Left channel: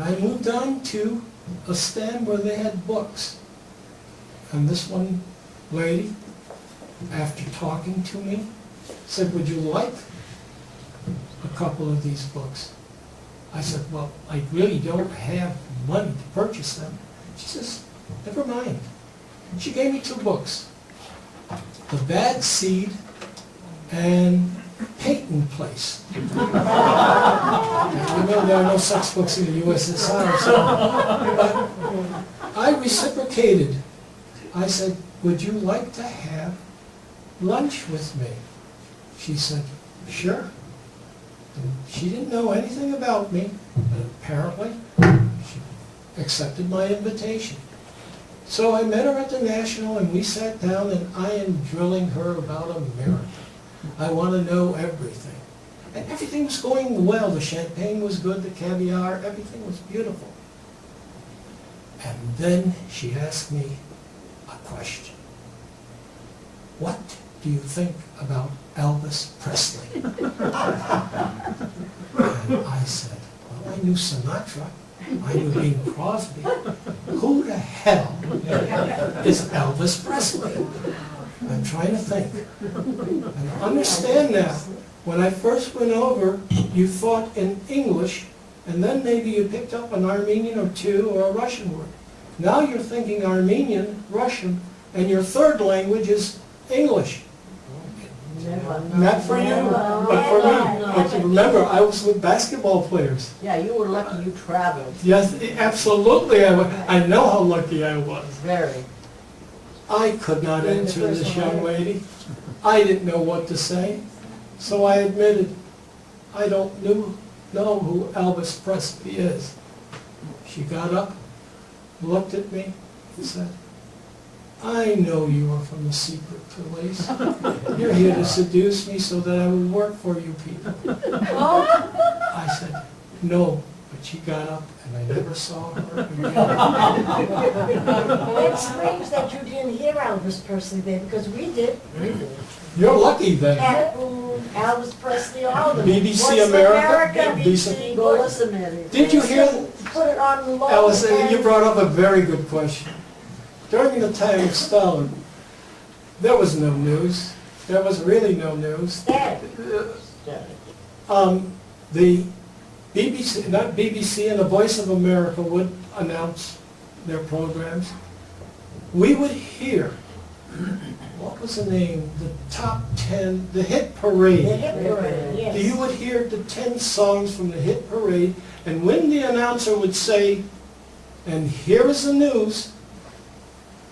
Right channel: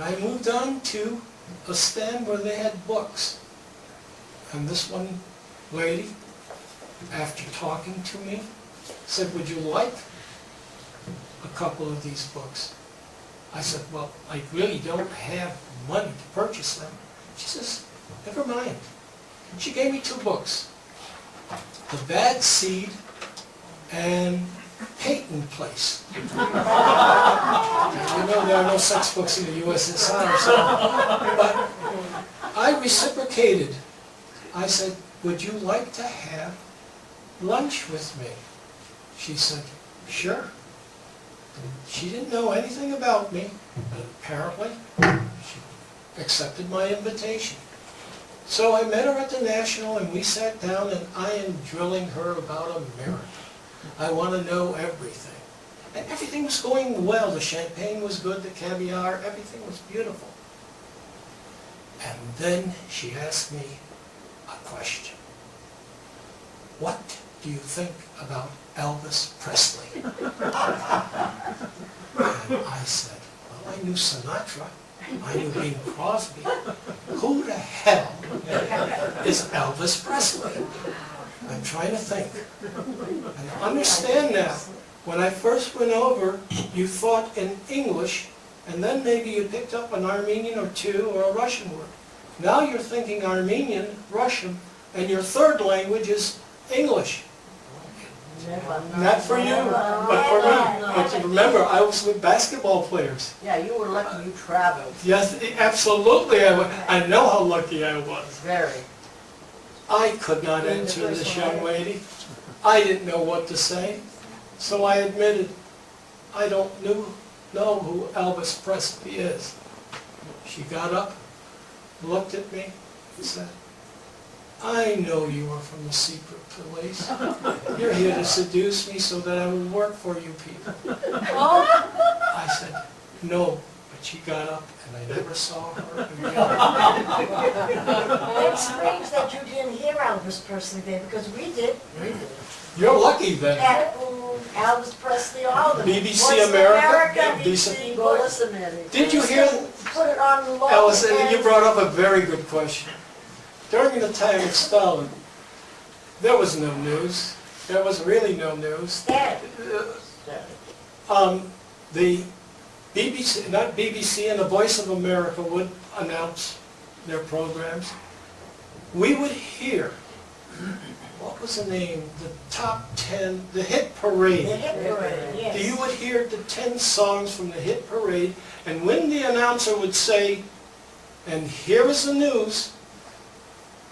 And I moved on to a stand where they had books. And this one lady, after talking to me, said, would you like a couple of these books? I said, well, I really don't have money to purchase them. She says, never mind. She gave me 2 books, The Bad Seed and Peyton Place. And you know there are no sex books in the USSR, so, but I reciprocated. I said, would you like to have lunch with me? She said, sure. And she didn't know anything about me, but apparently she accepted my invitation. So I met her at the National and we sat down and I am drilling her about America. I want to know everything. And everything was going well. The champagne was good, the caviar, everything was beautiful. And then she asked me a question. What do you think about Elvis Presley? And I said, well, I knew Sinatra. I knew Bing Crosby. Who the hell is Elvis Presley? I'm trying to think. And I understand now. When I first went over, you thought in English, and then maybe you picked up an Armenian or 2 or a Russian word. Now you're thinking Armenian, Russian, and your third language is English. Not for you, but for me. But remember, I was with basketball players. Yeah, you were lucky you traveled. Yes, absolutely. I know how lucky I was. Very. I could not answer this young lady. I didn't know what to say. So I admitted, I don't know who Elvis Presley is. She got up, looked at me, and said, I know you are from the secret police. You're here to seduce me so that I will work for you people. I said, no, but she got up and I never saw her again. It's strange that you didn't hear Elvis Presley there, because we did. You're lucky then. Pat Boone, Elvis Presley, all of them. BBC Voice of America, BBC. Go listen, Eddie. Did you hear, Put it on low. Allison, and- you brought up a very good question. During the time of Stalin, there was no news. There was really no news. Dad. The BBC, not BBC, and the Voice of America would announce their programs. We would hear, what was the name, the top 10, the hit parade. The hit parade, yes. You would hear the 10 songs from the hit parade, and when the announcer would say, and here is the news,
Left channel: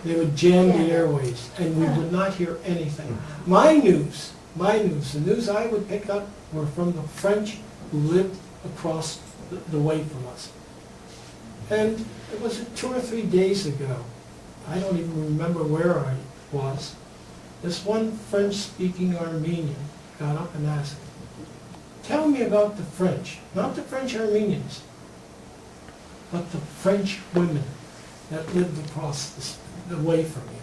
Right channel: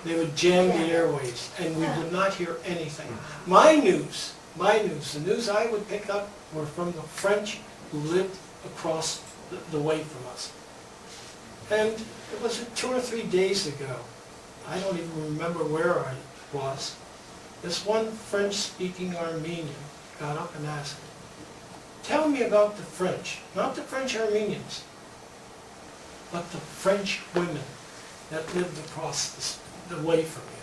they would jam the airwaves, and we would not hear anything. My news, the news I would pick up were from the French who lived across the way from us. And it was 2 or 3 days ago. I don't even remember where I was. This one French-speaking Armenian got up and asked me, tell me about the French, not the French Armenians, but the French women that lived across the way from you.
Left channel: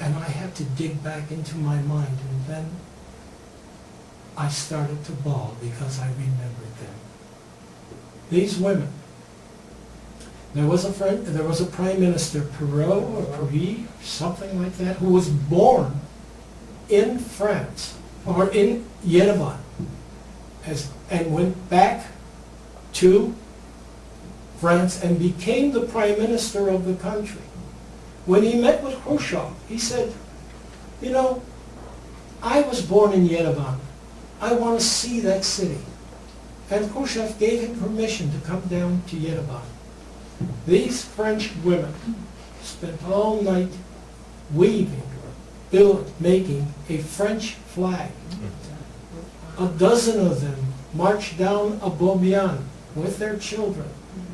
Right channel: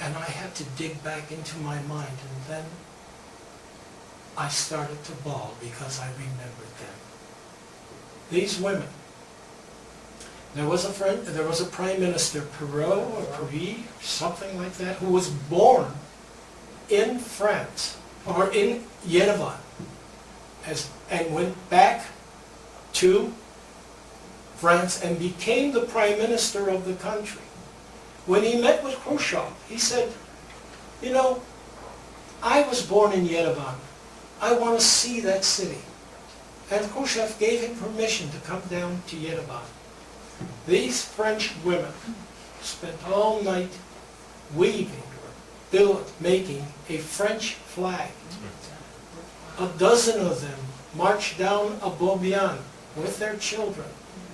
And I had to dig back into my mind, and then I started to bawl because I remembered them. These women, there was a prime minister, Perot or Paris, something like that, who was born in France, or in Yerevan, and went back to France and became the prime minister of the country. When he met with Khrushchev, he said, you know, I was born in Yerevan. I want to see that city. And Khrushchev gave him permission to come down to Yerevan. These French women spent all night weaving, making a French flag. A dozen of them marched down a Bobian with their children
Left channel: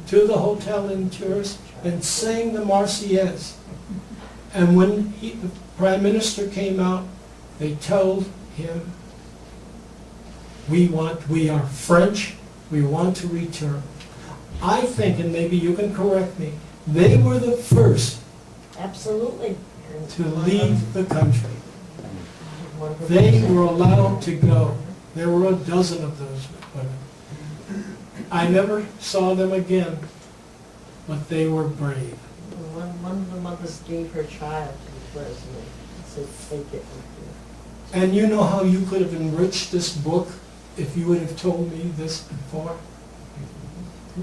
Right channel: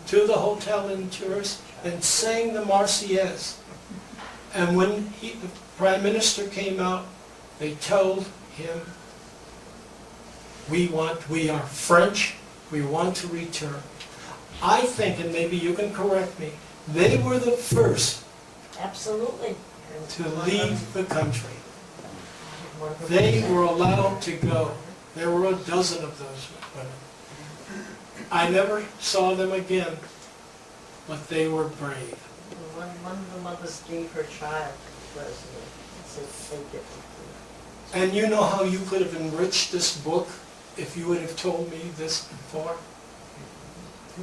to the hotel in Tours and sang the Marseillaise. And when the Prime Minister came out, they told him, we are French, we want to return. I think, and maybe you can correct me, they were the first Absolutely. to leave the country. They were allowed to go. There were a dozen of those women. I never saw them again, but they were brave. One of the mothers gave her child to the president, said, take it with you. And you know how you could have enriched this book if you would have told me this before?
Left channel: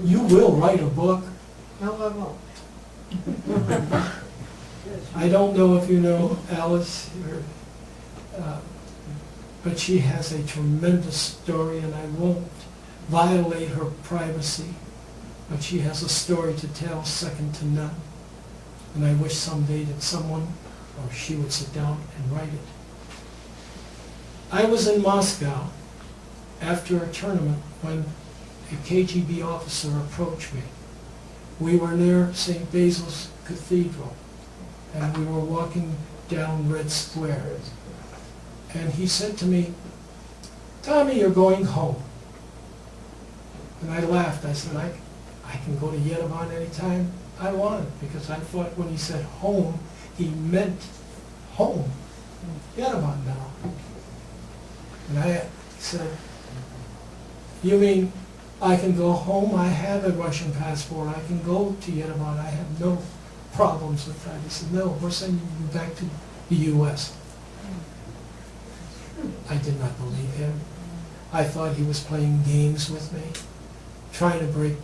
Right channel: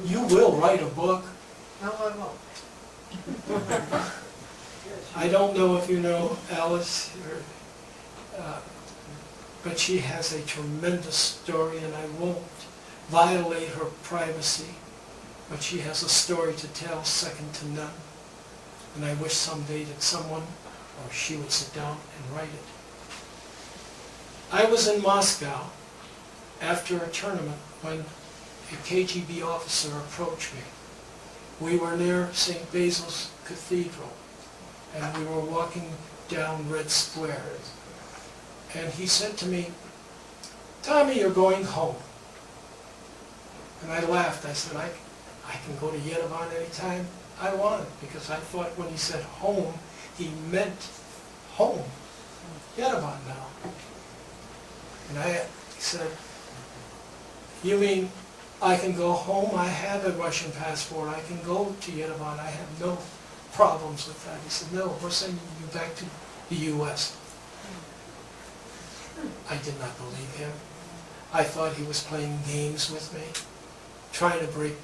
You will write a book. No, I won't. I don't know if you know Alice, but she has a tremendous story, and I won't violate her privacy, but she has a story to tell second to none. And I wish someday that someone, or she would sit down and write it. I was in Moscow after a tournament when a KGB officer approached me. We were near St. Basil's Cathedral, and we were walking down Red Square. And he said to me, Tommy, you're going home. And I laughed. I said, I can go to Yerevan anytime I want, because I thought when he said home, he meant home. Yerevan now. And I said, you mean I can go home? I have a Russian passport. I can go to Yerevan. I have no problems with that. He said, no, we're sending you back to the U.S. I did not believe him. I thought he was playing games with me, trying to break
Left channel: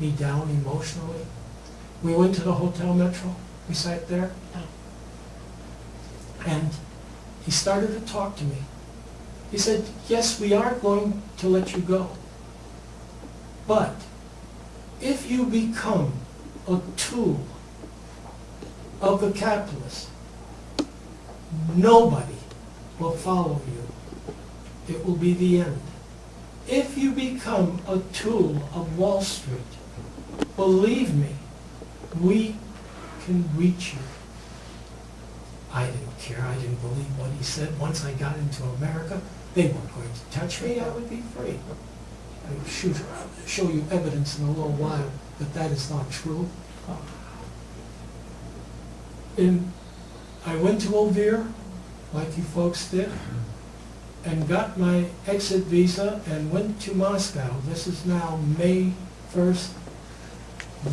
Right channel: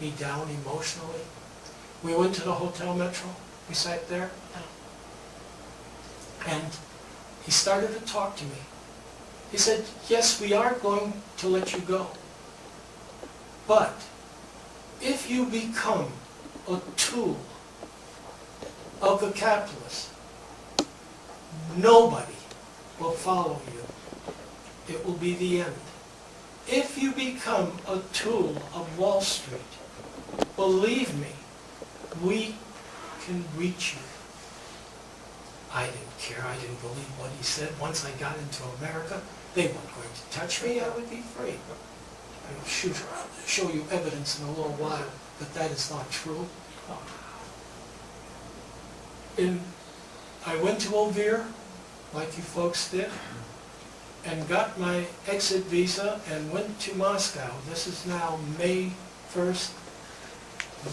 me down emotionally. We went to the Hotel Metro. We sat there, and he started to talk to me. He said, yes, we are going to let you go, but if you become a tool of the capitalists, nobody will follow you. It will be the end. If you become a tool of Wall Street, believe me, we can reach you. I didn't care. I didn't believe what he said. Once I got into America, they weren't going to touch me. I would be free. I will show you evidence in a little while that that is not true. I went to Ovir, like you folks did, and got my exit visa and went to Moscow. This is now May 1st,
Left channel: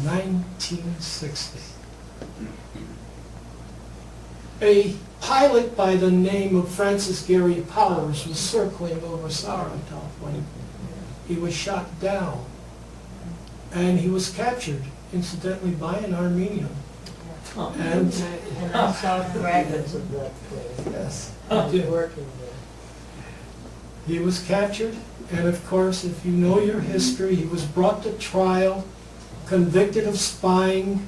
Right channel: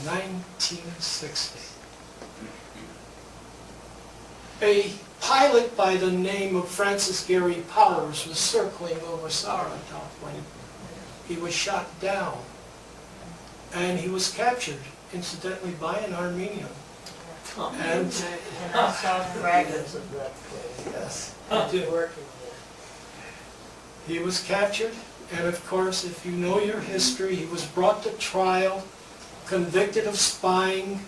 1960. A pilot by the name of Francis Gary Powers was circling over Saratov when he was shot down. And he was captured, incidentally, by an Armenian. And I saw fragments of that place. yes, I he was did. working there. He was captured, and of course, if you know your history, he was brought to trial, convicted of spying,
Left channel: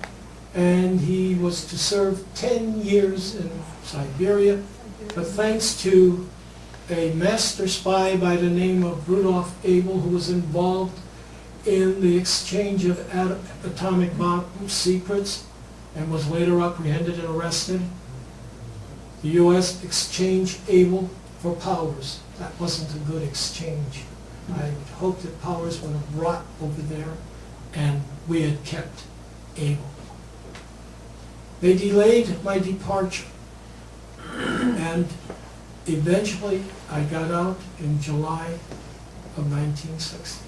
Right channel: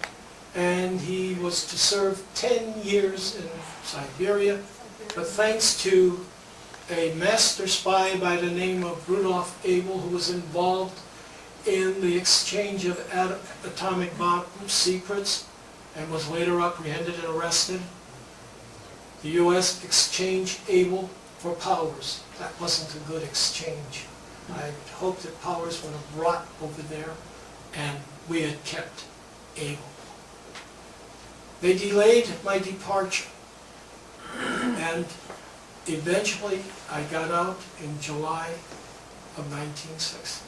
and he was to serve 10 years in Siberia. But thanks to a master spy by the name of Rudolf Abel, who was involved in the exchange of atomic bomb secrets and was later apprehended and arrested, the U.S. exchanged Abel for Powers. That wasn't a good exchange. I hoped that Powers would have rot over there and we had kept Abel. They delayed my departure, and eventually I got out in July of 1960.